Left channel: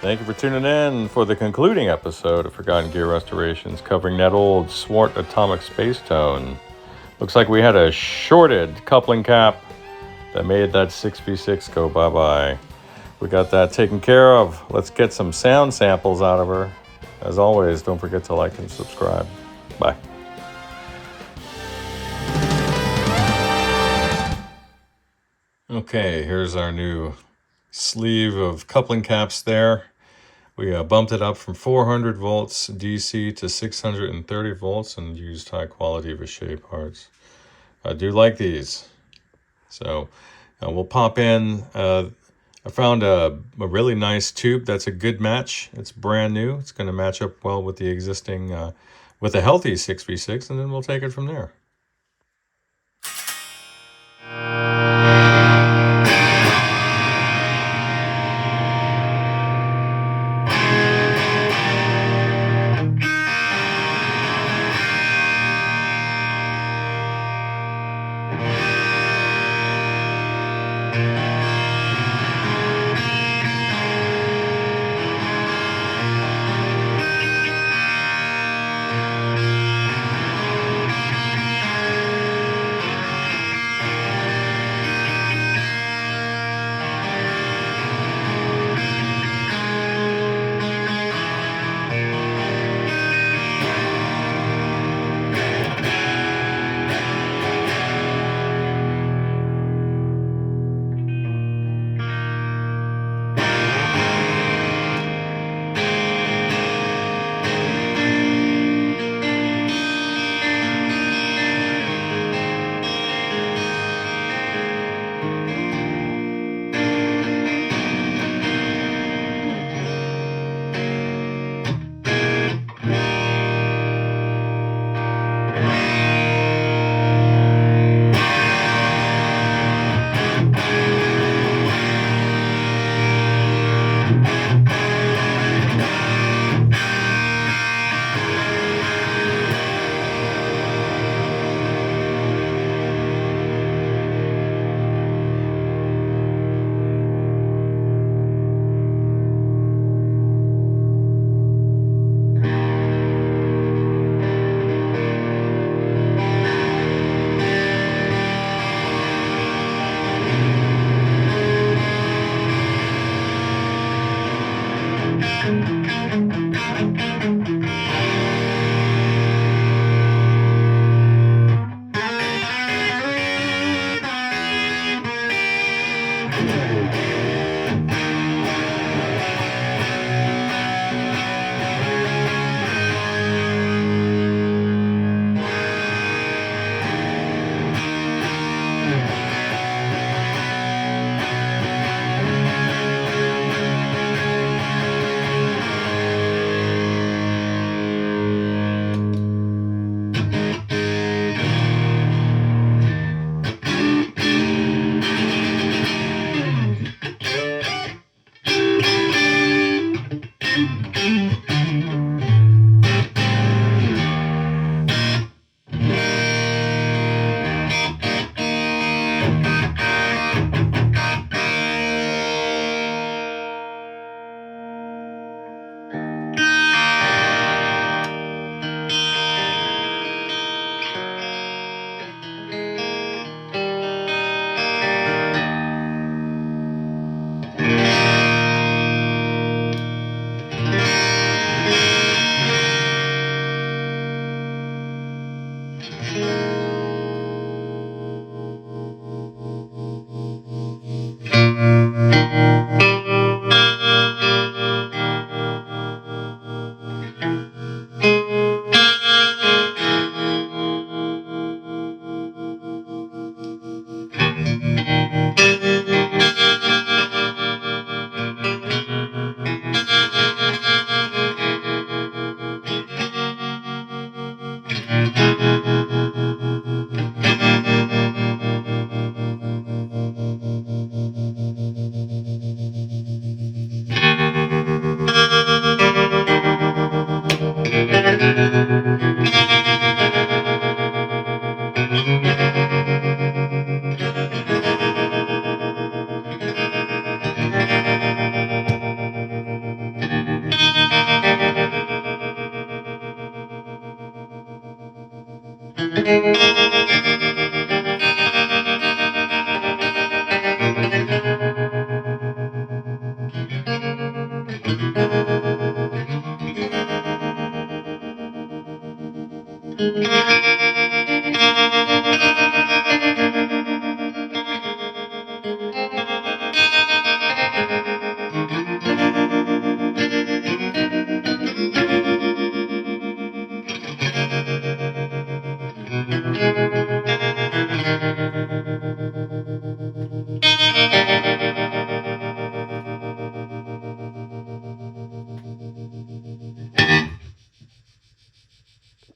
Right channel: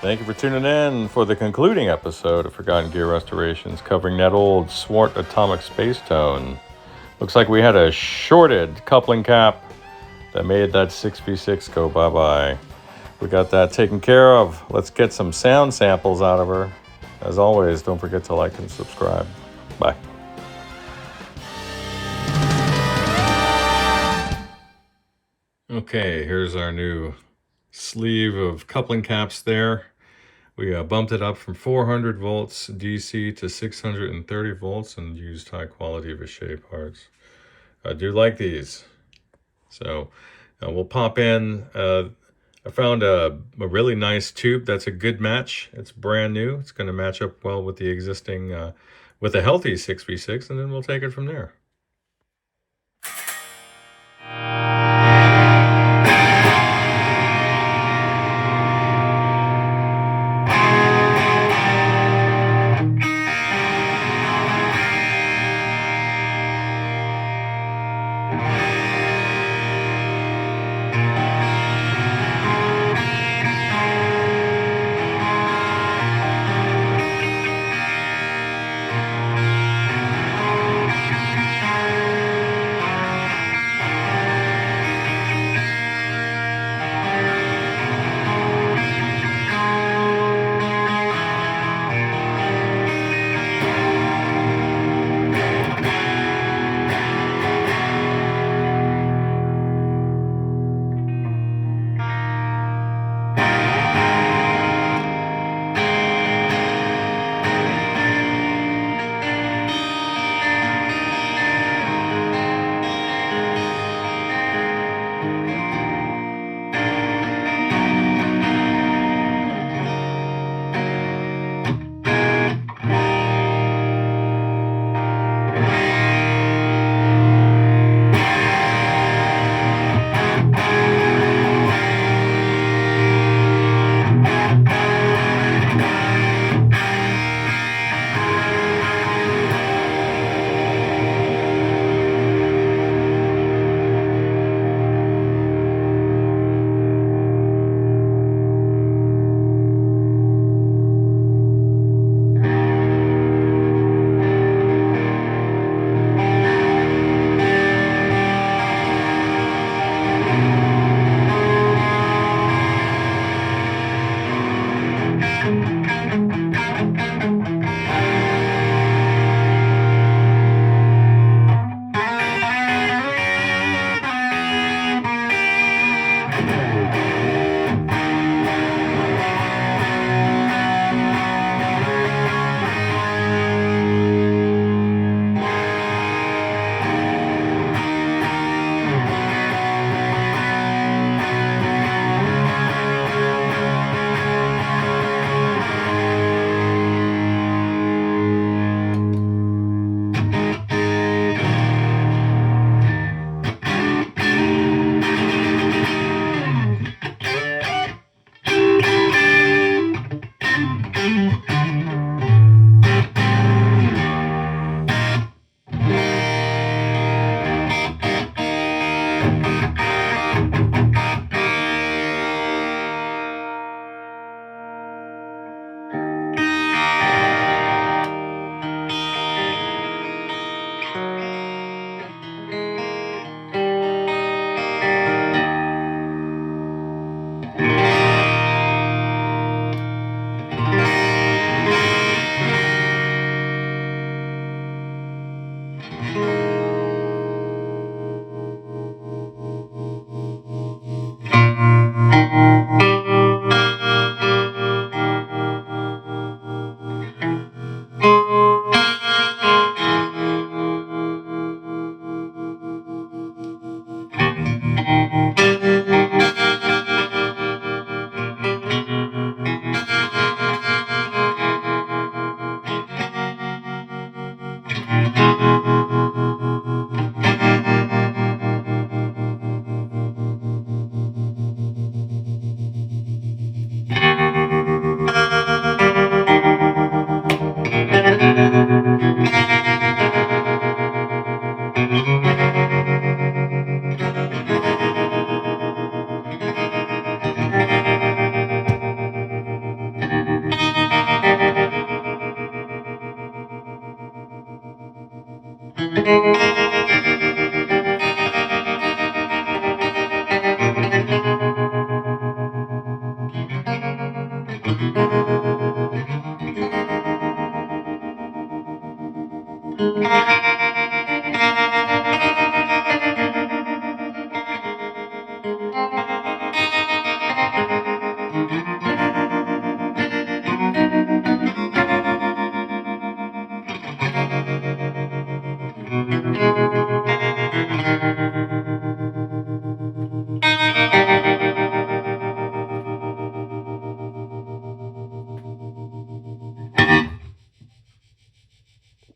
Thank you for tuning in for the concluding episode of Forgotten Gear Restorations, covering that old Swart atomic space tone. Looks like we had a shorted coupling cap that made that 6v6 go bye-bye. We got that taken care of. Let's get some sound samples out of her. As always, don't forget to like and subscribe. Bye. Okay, here's our new sleeve of coupling caps there. We bumped it up from 400 volts DC to 630 volts and used high quality Vishays parts. I do like these. So we'll pop in. I found a really nice tube that's a good match. It's brand new. It's going to match up well with the existing, with a healthy 6v6, and then we'll take it from there.